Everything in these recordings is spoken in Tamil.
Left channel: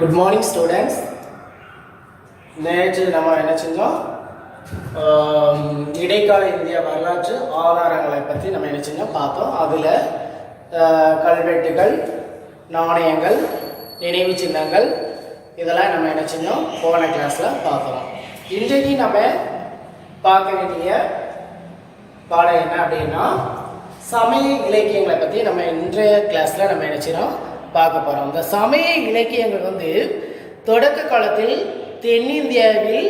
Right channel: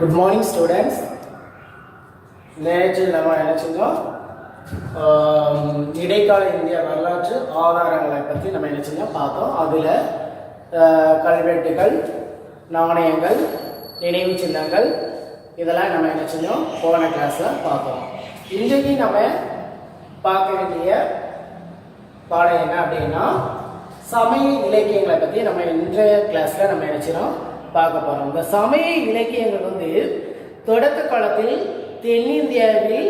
Good morning, students. நேற்று நம்ம என்ன செஞ்சோம்? இடைக்கால இந்திய வரலாற்று ஆதாரங்களை பற்றி நம்ம என்ன செஞ்சோம் பார்த்தோம். அதில் கல்வெட்டுகள், நாணயங்கள், நினைவு சின்னங்கள் இதெல்லாம் நம்ம என்ன செஞ்சோம் போன கிளாஸில் பார்த்தோம். இன்றைக்கு நம்ம பார்க்க வேண்டிய பாடம் என்ன அப்படின்னா சமய இலக்கியங்களை பற்றி நம்ம இன்றைய கிளாஸில் நம்ம என்ன செய்யணும் பார்க்க போகிறோம். இந்த சமய இலக்கியங்கள் வந்து தொடக்க காலத்தில் தென்னிந்தியாவில்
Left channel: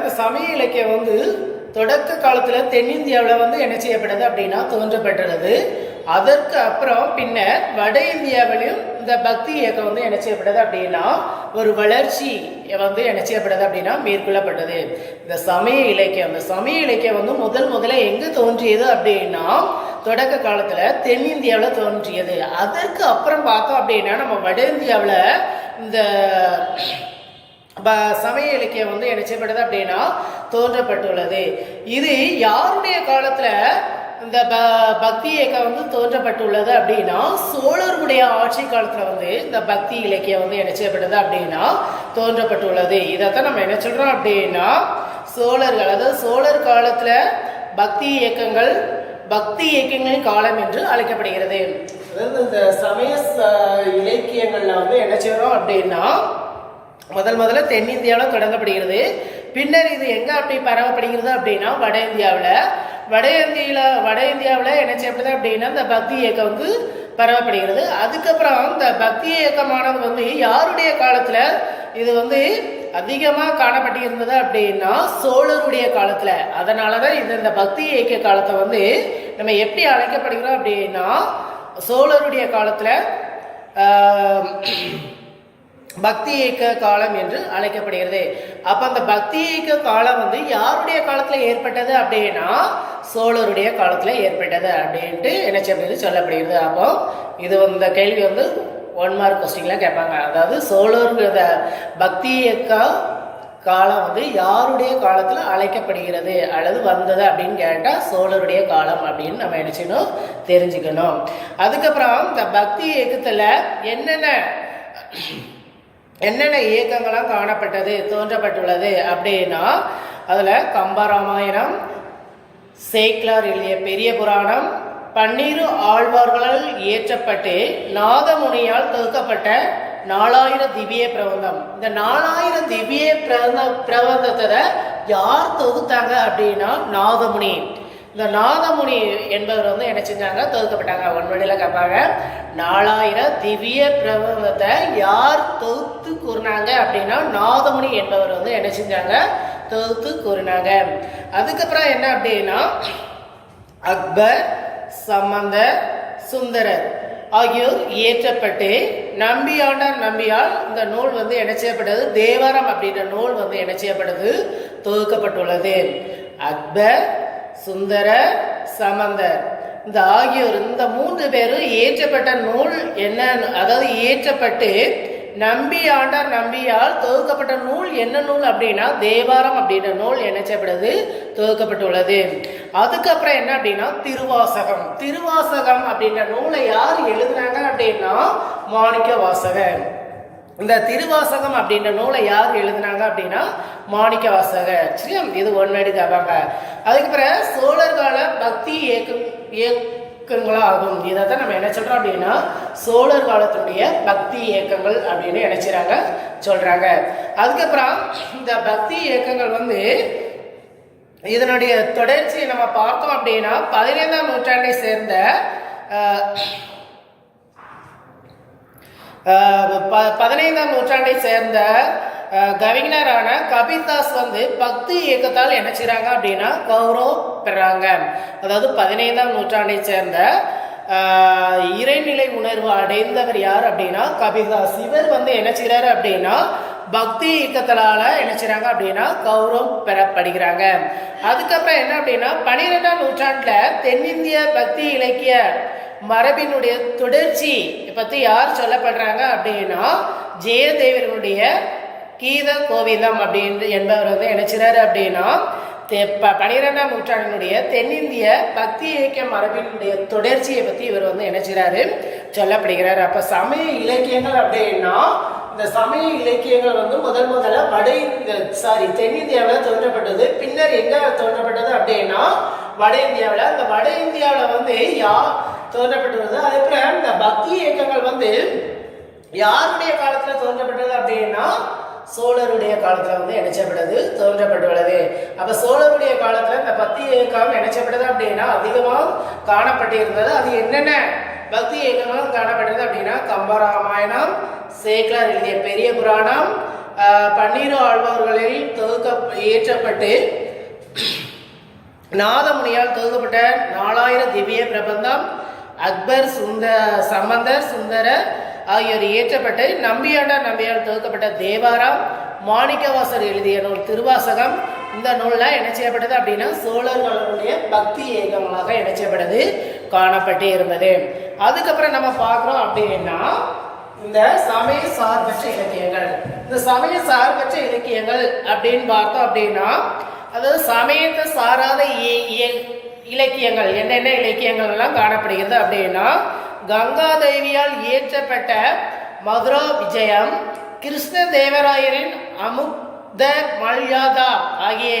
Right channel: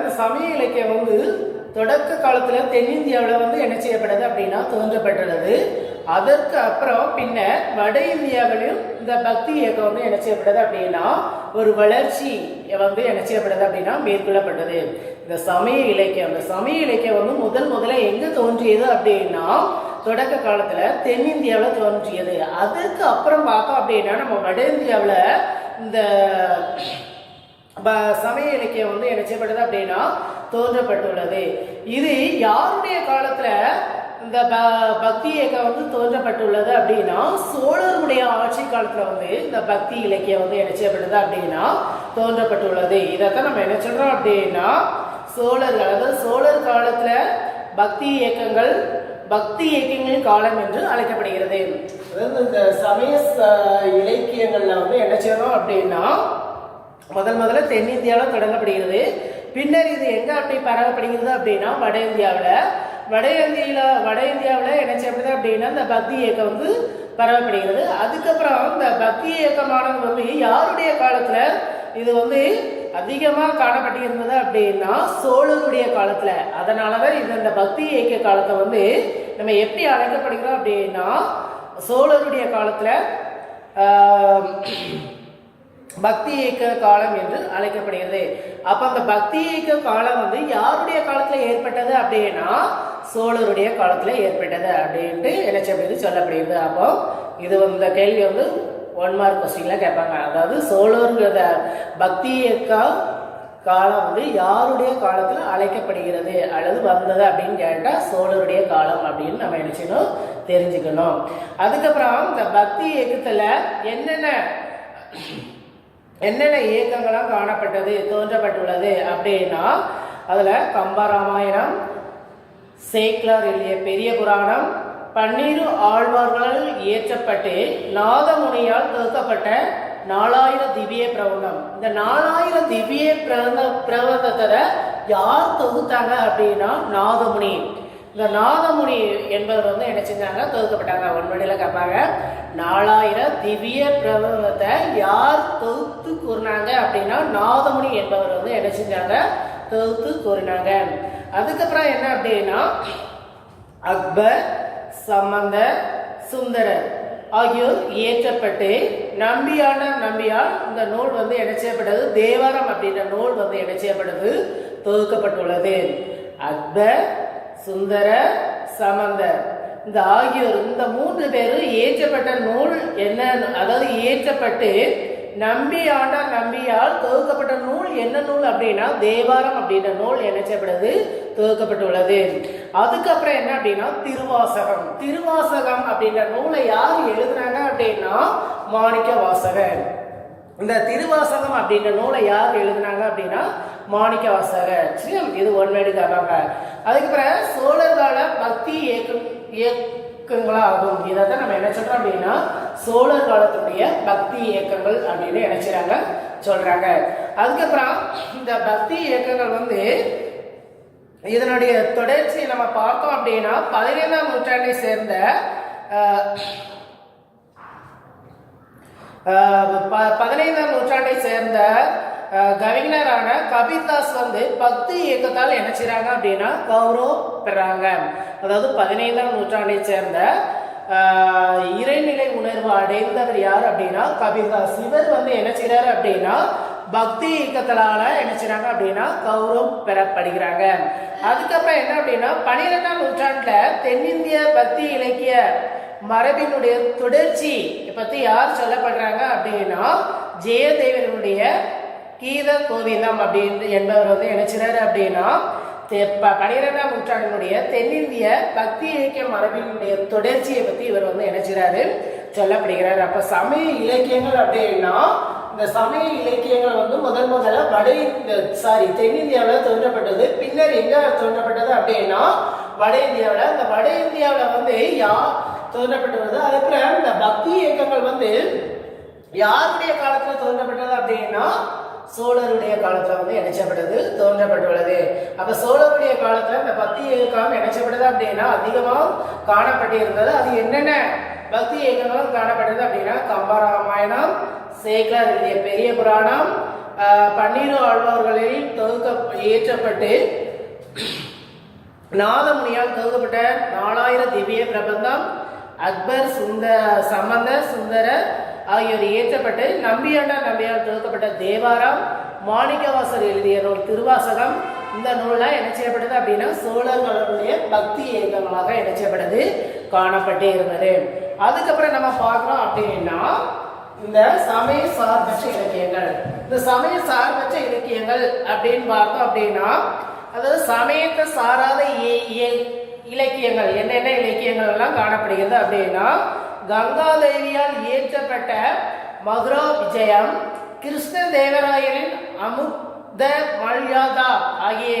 இந்த சமய இலக்கியம் வந்து தொடக்க காலத்தில் தென்னிந்தியாவில் வந்து என்ன செய்யப்படுது அப்படின்னா தோன்றப்பட்டுள்ளது. அதற்கு அப்புறம் பின்னர் வட இந்தியாவிலும் இந்த பக்தி இயக்கம் வந்து என்ன செய்யப்படுது அப்படின்னா ஒரு வளர்ச்சி வந்து என்ன செய்யப்படுது அப்படின்னா மேற்கொள்ளப்பட்டது. இந்த சமய இலக்கியம் வந்து முதல்ல எங்க தோன்றியது அப்படின்னா தொடக்க காலத்துல தென்னிந்தியாவில் தோன்றியது. அதற்கு அப்புறம் பார்த்தோம் அப்படின்னா நம்ம வட இந்தியாவில் இந்த சமய இலக்கியம் வந்து என்ன செய்யப்படுது அப்படின்னா தோன்றப்பட்டுள்ளது. இது யாருடைய காலத்துல இந்த பக்தி இயக்கம் வந்து தோன்றப்பட்டுள்ளது அப்படின்னா சோழருடைய ஆட்சி காலத்துல வந்து இந்த பக்தி இலக்கியம் வந்து என்ன செய்யப்படுது அப்படின்னா தோன்றப்பட்டுள்ளது. இதைத்தான் நம்ம என்ன சொல்றோம் அப்படின்னா சோழர்கள், அதாவது சோழர் காலத்துல பக்தி இயக்கங்களின் காலம் என்று அழைக்கப்படுகிறது. அதாவது இந்த சமய இலக்கியங்கள்ல வந்து என்ன செய்யறோம் அப்படின்னா முதல்ல தென்னிந்தியாவில் தொடங்கப்படுகிறது. பின்னர் இது எங்க அப்படி பரவப்படுகிறது அப்படின்னா வட இந்தியாவில் என்ன செய்யப்படுது அப்படின்னா இந்த பக்தி இயக்கம் வந்து பரவப்படுகிறது. அதுக்கப்புறம் இந்த பக்தி இயக்கமானது வந்து யாருடைய காலத்துல இது வந்து அதிகமாக காணப்பட்டு இருந்தது அப்படின்னா சோழருடைய காலத்துல. அதனாலதான் இந்த பக்தி இயக்க காலத்தை வந்து நம்ம எப்படி அழைக்கப்படுகிறோம் அப்படின்னா சோழருடைய காலத்துல பக்தி இயக்க காலம் என்று அழைக்கப்படுகிறது. அப்ப அந்த பக்தி இயக்க காலம் வந்து யாருடைய காலத்துல ஏற்பட்டது அப்படின்னா சோழருடைய காலத்துல ஏற்பட்டது அப்படின்ட்டு என்ன செய்யப்படுது சொல்லப்படுகிறது. அப்போ இது இந்த கேள்வி வந்து 1 மார்க் கொஸ்டின்ல கேட்பாங்க. அதாவது சோழர் பக்தி இயக்க காலம் வந்து யாருடைய காலத்துல அழைக்கப்படுகிறது அல்லது வந்தது அப்படின்னு கேட்டா சோழருடைய காலம் அப்படின்னு நம்ம என்ன செய்யணும் தெரிஞ்சுக்கணும். அதுக்கப்புறம் இந்த பக்தி இயக்கத்துல என்னென்ன இயக்கங்களாம் காணப்பட்டது தோன்றப்பட்டுள்ளது அப்படின்னா அதுல கம்பராமாயணம், சேக்கிலார் எழுதிய பெரிய புராணம், 12 ஆழ்வார்களால் இயற்றப்பட்டு நாதமுனியால் தொகுக்கப்பட்ட 4000 திவ்ய பிரபந்தம். இந்த 4000 திவ்ய பிரபந்தத்தை யார் தொகுத்தாங்க அப்படின்னா நாதமுனி. இந்த நாதமுனி என்பவர் வந்து என்ன செஞ்சாங்க தொகுக்கப்பட்டாங்க. ஒன்வடியில கேட்பாங்க 4000 திவ்ய பிரபந்தத்தை யார் தொகுத்து கூறினாங்க அப்படின்னா நாதமுனி என்பவர் வந்து என்ன செஞ்சாங்க தொகுத்து கூறினாங்க. அதுக்கப்புறம் என்ன அப்படின்னா அக்பர், சம்பந்தர், சுந்தரர் ஆகியோர் இயற்றப்பட்டு நம்பியால் இந்த நூல் வந்து என்ன செய்யப்பட்டது தேவாரம் அப்படின்ற நூல் வந்து என்ன செய்யப்பட்டது தொகுக்கப்பட்டுள்ளது. அக்பர், சுந்தரர், சம்பந்தர் இந்த ஆகியோர் இந்த 3 பேரும் இயற்றப்பட்ட நூல் என்ன, அதாவது இயற்றப்பட்டு நம்பியால் தொகுக்கப்பட்ட நூல் என்ன நூல் அப்படின்னா தேவாரம் அப்படின்ற நூல் என்ன செய்யப்படுது தொகுக்கப்பட்டுள்ளது. அதுக்கப்புறம் என்ன அப்படின்னா திருவாசகம் அப்படின்ற நூலை யார் எழுதுனாங்க அப்படின்னா மாணிக்க வாசகர். இந்த திருவாசகம் அப்படின்ற நூலை யார் எழுதினாங்க அப்படின்னா மாணிக்க வாசகர். சரி, இது ஒன்னடி தப்பாங்க. அதுக்கப்புறம் சோழர் கால பக்தி இயக்கங்களாகும். இதைத்தான் நம்ம என்ன சொல்றோம் அப்படின்னா சோழர் காலத்துடைய பக்தி இயக்கங்கள் அப்படின்னு நினைச்சாங்க சொல்றாங்க. அதுக்கப்புறம் இந்த பக்தி இயக்கங்கள் வந்து இதனுடைய தொடர்ச்சியை நம்ம பார்த்தோம் அப்படின்னா 15ஆம் நூற்றாண்டை சேர்ந்த 15ஆம் நூற்றாண்டை சேர்ந்த கவிஞரான கபீர்தாஸ் வந்து பக்தி இயக்கத்தால் என்ன செய்றாங்க அப்படின்னா கௌரவம் பெறாங்க. அதாவது 15ஆம் நூற்றாண்டை சேர்ந்த இறைநிலை உணர்வு அடைந்தவர் யார் அப்படின்னா கபீர்தாஸ். இவர் வந்து என்ன செய்றாரு அப்படின்னா பக்தி இயக்கத்தால என்ன செய்றாங்க அப்படின்னா கௌரவம் பெறப்படுகிறாங்க. அதுக்கப்புறம் என்ன அப்படின்னா 12ஆம் நூற்றாண்டுல தென்னிந்திய பக்தி இலக்கிய மரபினுடைய தொடர்ச்சி பத்தி யார் சொல்லப்படுறாங்க அப்படின்னா ஜெயதேவனுடைய கீத கோவிந்தம் அப்படின்னு என்பவர் வந்து நினைச்சாரு அப்படின்னா 12ஆம் நூற்றாண்டினுடைய தென்னிந்திய பக்தி இலக்கிய மரபினுடைய தொடர்ச்சியை பத்தி இவர் என்ன செய்றாரு சொல்லப்படுகிறார். அப்ப சமய இலக்கியங்கள் அப்படின்னா இந்த சமய இலக்கியங்கள் முதல்ல தென்னிந்தியாவில் தோன்றப்பட்டது. பின்னர் எங்க தோன்றப்பட்டது அப்படின்னா வட இந்தியாவில். இந்த வட இந்தியாவில் யார் தோன்றப்பட்டது? அதுக்கப்புறம் இந்த பக்தி இயக்கங்கள் யாருடைய காலத்துல தோன்றப்பட்டது அப்படின்னா சோழருடைய காலத்துல இணைச்சப்பட்டது தோன்றப்பட்டுள்ளது. அப்ப சோழருடைய காலத்துல இந்த பக்தி இயக்கம் இணைச்சப்பட்டது அப்படின்னா அதிகமாக காணப்பட்டிருந்தது. அது என்னென்ன பக்தி இயக்கங்களும் காணப்பட்டது அப்படின்னா கம்பராமாயணம், சேக்கலார் எழுதிய பெரிய புராணம், 12 ஆழ்வார்களில் இயற்றப்பட்டு நாதமுனியால் தொகுக்கப்பட்ட 4000 திவ்ய பிரபந்தம், அக்பர் சம்பந்தர் சுந்தரர் ஆகியோர் இயற்றப்பட்டு நம்பியார் தொகுக்கப்பட்ட தேவாரம், மாணிக்கவாசர் எழுதிய நூல் திருவாசகம். இந்த நூல்லாம் என்ன செய்யப்பட்டது அப்படின்னா சோழர்களுடைய பக்தி இயக்கங்களாக என்ன செய்யப்பட்டது காணப்பட்டு இருந்தது. அதுக்கப்புறம் நம்ம பார்க்கிறோம் அப்படின்னா இந்த சமய சார்பற்ற இலக்கியங்கள். இந்த சமய சார்பற்ற இலக்கியங்கள் அப்படின்னு பார்த்தோம் அப்படின்னா அதாவது சமயத்தை சாராத இலக்கியங்கள் என்னென்ன இலக்கியங்கள் எல்லாம் காணப்படுகிறது அப்படின்னா கங்காதேவியால் இயற்றப்பட்ட மதுரா விஜயம், கிருஷ்ண தேவராயரின் அமுத மல்யாதா ஆகிய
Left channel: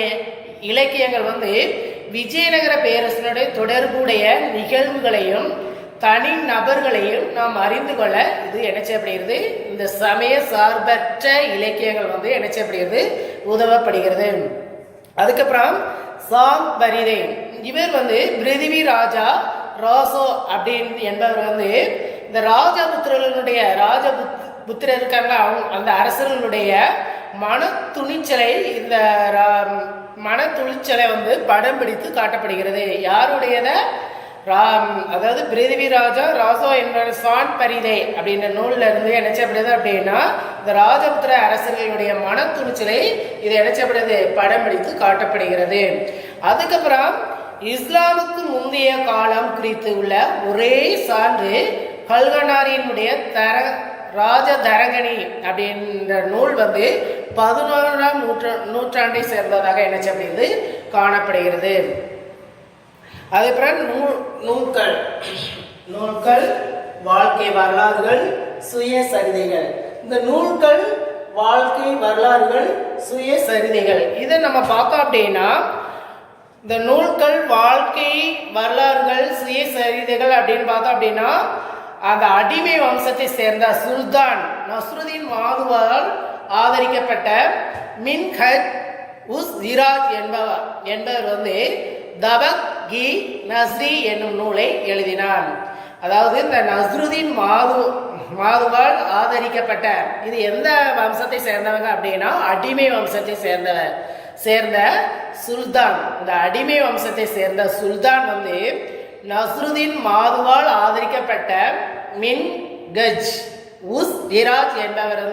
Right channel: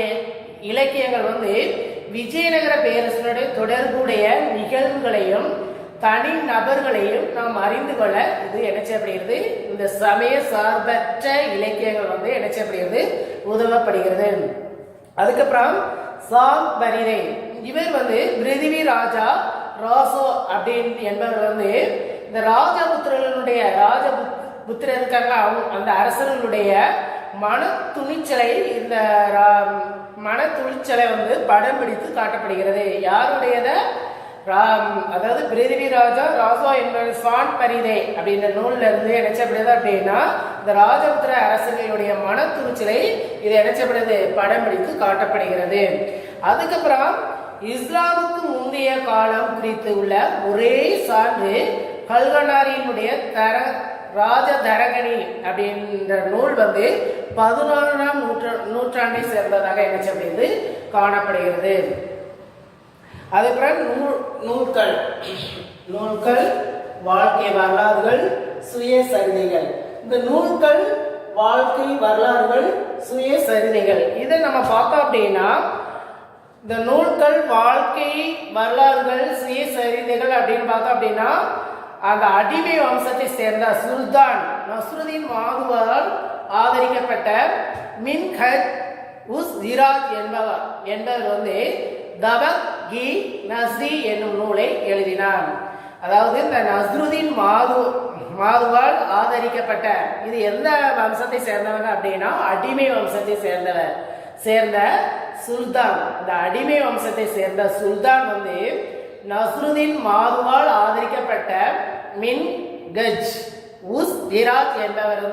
இலக்கியங்கள் விஜயநகர பேரரசனுடைய தொடர்புடைய நிகழ்வுகளையும் தனி நபர்களையும் நாம் அறிந்து கொள்ள இது என்ன செய்யப்படுகிறது இந்த சமய சார்பற்ற இலக்கியங்கள் என்ன செய்யப்படுகிறது உதவப்படுகிறது. அதுக்கப்புறம் சாங் பரிதை இவர் பிருதிவி ராஜா ராசோ அப்படின்னு என்பவர் இந்த ராஜபுத்திரர்களுடைய ராஜபுத்திரர் இருக்காங்க அந்த அரசர்களுடைய மன துணிச்சலை இந்த மன துணிச்சலை படம் பிடித்து காட்டப்படுகிறது. யாருடையத அதாவது பிருதிவி ராஜா ராசோ என்பவர் சான் பரிதை அப்படின்ற நூல்ல இருந்து நினைச்சப்படுது அப்படின்னா இந்த ராஜபுத்திர அரசர்களுடைய மன துணிச்சலை இது நினைச்சப்படுது படம் பிடித்து காட்டப்படுகிறது. அதுக்கப்புறம் இஸ்லாமுக்கு முந்தைய காலம் குறித்து உள்ள ஒரே சான்று கல்கனாரியினுடைய ராஜதரங்கணி அப்படின்ற நூல் 11ஆம் நூற்றாண்டை சேர்ந்ததாக என்ன செய்யப்படுகிறது காணப்படுகிறது. அதுக்கப்புறம் நூல்கள் வாழ்க்கை வரலாறுகள் சுயசரிதைகள். இந்த நூல்கள் வாழ்க்கை வரலாறுகள் சுயசரிதைகள் இதை நம்ம பார்த்தோம் அப்படின்னா இந்த நூல்கள் வாழ்க்கை வரலாறுகள் சுயசரிதைகள் அப்படின்னு பார்த்தோம் அப்படின்னா அந்த அடிமை வம்சத்தை சேர்ந்த சுல்தான் நஸ்ருதீன் மாதுவால் ஆதரிக்கப்பட்ட மின்ஹஜ் உஸ் ஜிராஜ் என்பவர் தபக் கி நஸ்ரி என்னும் நூலை எழுதினார். அதாவது இந்த நஸ்ருதீன் மாதுவால் ஆதரிக்கப்பட்ட இது எந்த வம்சத்தை சேர்ந்தவங்க அப்படின்னா அடிமை வம்சத்தை சேர்ந்த சுல்தான். இந்த அடிமை வம்சத்தை சேர்ந்த சுல்தான் நஸ்ருதீன் மாதுவால் ஆதரிக்கப்பட்ட மின் கஜ் உஸ் ஜிராஜ் என்பவர்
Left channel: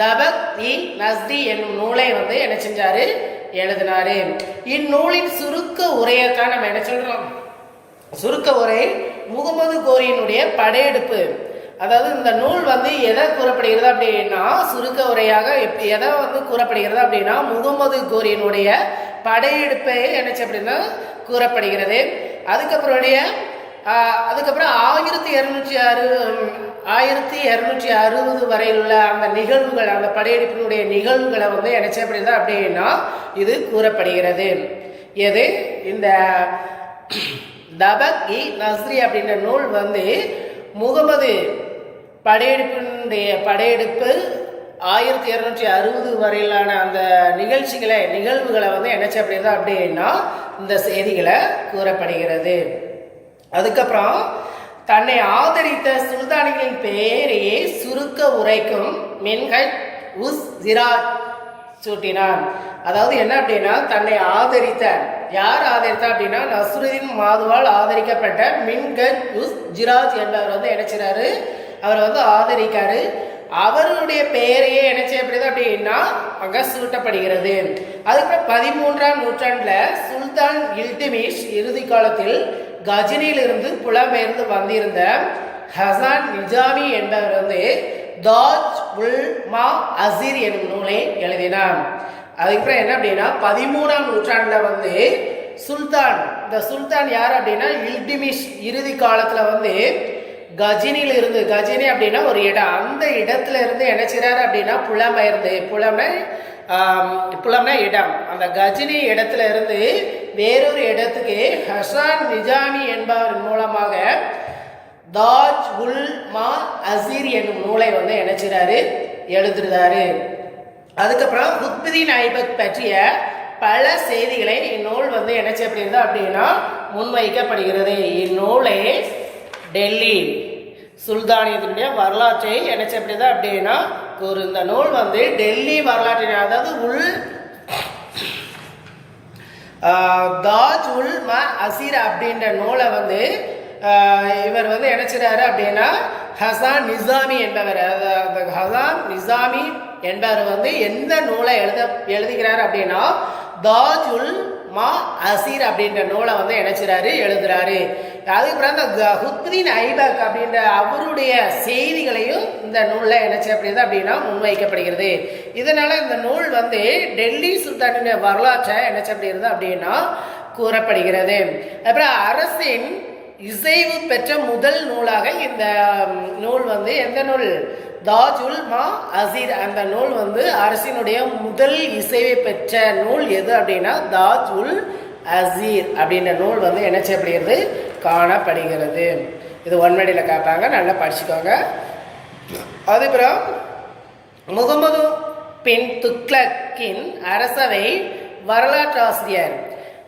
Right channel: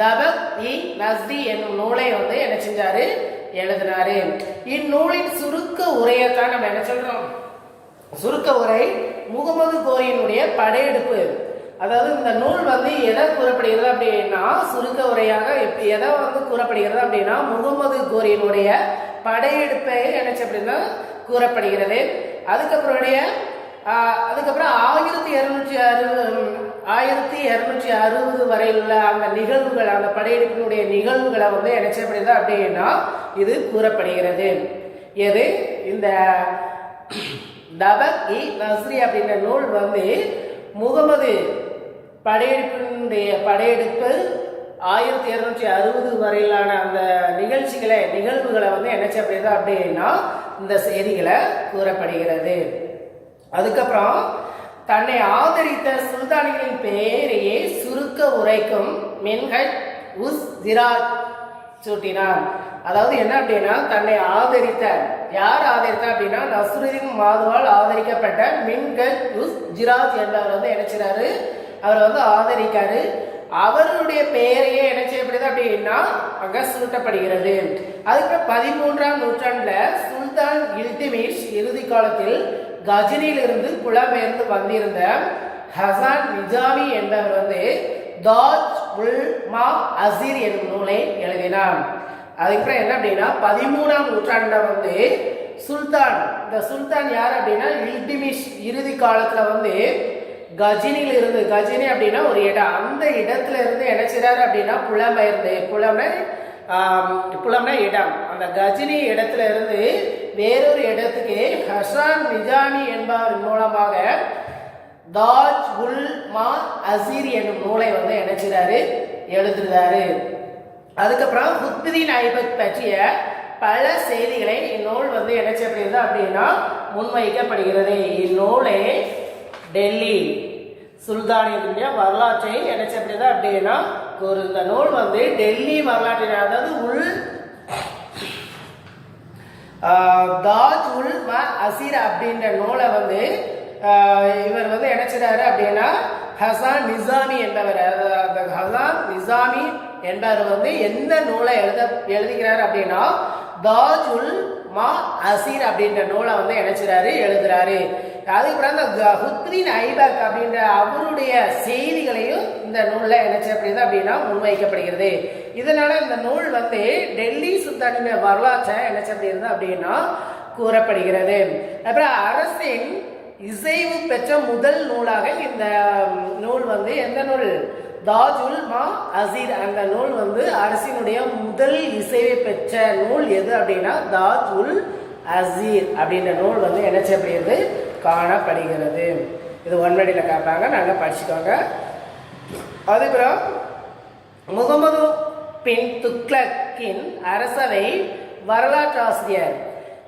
தபக் இ நஸ்ரி என்னும் நூலை என்ன செஞ்சாரு எழுதினாரு. இந்நூலின் சுருக்க உரையத்தான் நம்ம என்ன சொல்றோம் சுருக்க உரை முகமது கோரியினுடைய படையெடுப்பு. அதாவது இந்த நூல் எதை கூறப்படுகிறது அப்படின்னா சுருக்க உரையாக எதை கூறப்படுகிறது அப்படின்னா முகமது கோரியினுடைய படையெடுப்பை என்ன அப்படின்னா கூறப்படுகிறது. அதுக்கப்புறம் 1260 வரையில் உள்ள அந்த நிகழ்வுகள் அந்த படையெடுப்பினுடைய நிகழ்வுகளை என்ன செய்யப்படுகிறது அப்படின்னா இது கூறப்படுகிறது. எது இந்த தபக் இ நஸ்ரி அப்படின்ற நூல் முகமது படையெடுப்பு 1260 வரையிலான அந்த நிகழ்வுகளை என்ன செய்யப்படுகிறது அப்படின்னா இந்த செய்திகளை கூறப்படுகிறது. அதுக்கப்புறம் தன்னை ஆதரித்த சுல்தானிகளின் பெயரையே சுருக்க உரைக்கும் மின்ஹஜ் உஸ் ஜிராஜ் சூட்டினான். அதாவது என்ன அப்படின்னா தன்னை யார் ஆதரித்தா அப்படின்னா நஸ்ருதீன் மாதுவால் ஆதரிக்கப்பட்ட மின்ஹஜ் உஸ் ஜிராஜ் என்பவர் என்ன செய்றாரு அவர் ஆதரிக்காரு. அவருடைய பெயரையே என்ன செய்யப்படுது அப்படின்னா அங்க சூட்டப்படுகிறது. அதுக்கப்புறம் 13ஆம் நூற்றாண்டுல சுல்தான் இல்துமிஷ் இறுதி காலத்தில் கஜினியிலிருந்து புலம்பெயர்ந்து வந்திருந்த ஹசான் நிஜாமி என்பவர் தாஜ் உல் மா அசீர் என்னும் நூலை எழுதினார். அதுக்கப்புறம் என்ன அப்படின்னா 13ஆம் நூற்றாண்டுல வந்து சுல்தான், இந்த சுல்தான் யார் அப்படின்னா இல்டிமிஷ் இறுதி காலத்துல வந்து கஜினியில் இருந்து, கஜினி அப்படின்னா ஒரு இடம், அந்த இடத்துல இருந்து என்ன செய்றாரு அப்படின்னா புலம்பெயர்ந்து, புலம்னா இடம், அந்த கஜினி இடத்துல இருந்து வேறொரு இடத்துக்கு ஹசான் நிஜாமி என்பவர் மூலமாக தாஜ் உல் மா அசீர் என்னும் நூலை வந்து என்ன செய்றாரு, எழுதுறாரு. அதுக்கப்புறம் குத்புதீன் ஐபக் பற்றிய பல செய்திகளை இந்நூல் வந்து என்ன செய்யப்படுகிறது அப்படின்னா முன்வைக்கப்படுகிறது. இந்நூலை டெல்லி சுல்தானியத்தினுடைய வரலாற்றை என்ன செய்யப்படுது அப்படின்னா ஒரு இந்த நூல் வந்து டெல்லி வரலாற்றை, அதாவது தாஜ் உல் ம அசீர் அப்படின்ற நூலை வந்து இவர் வந்து என்ன செய்றாரு அப்படின்னா ஹசான் நிசாமி என்பவர், ஹசான் நிசாமி என்பவர் வந்து எந்த நூலை எழுதுகிறார் அப்படின்னா தாஜ் உல் மா அசீர் அப்படின்ற நூலை வந்து என்ன செய்றாரு, எழுதுறாரு. அதுக்கப்புறம் இந்த குத்புதீன் ஐபக் அப்படின்ற அவருடைய செய்திகளையும் இந்த நூலில் என்ன செய்யப்படுகிறது அப்படின்னா முன்வைக்கப்படுகிறது. இதனால இந்த நூல் வந்து டெல்லி சுல்தானின் வரலாற்றை என்ன செய்யப்படுகிறது அப்படின்னா கூறப்படுகிறது. அப்புறம் அரசின் இசைவு பெற்ற முதல் நூலாக இந்த நூல் வந்து எந்த நூல், தாஜ் உல் மா அசீர், அந்த நூல் வந்து அரசினுடைய முதல் இசைவை பெற்ற நூல் எது அப்படின்னா தாஜ் உல் அசீர் அப்படின்ற நூல் வந்து என்ன செய்யப்படுகிறது, காணப்படுகிறது. இது ஒன்மடியில் கேட்பாங்க, நல்லா படிச்சுக்கோங்க. அதுக்கப்புறம் முகமது பின் துக்ளக்கின் அரசவை வரலாற்று ஆசிரியர்,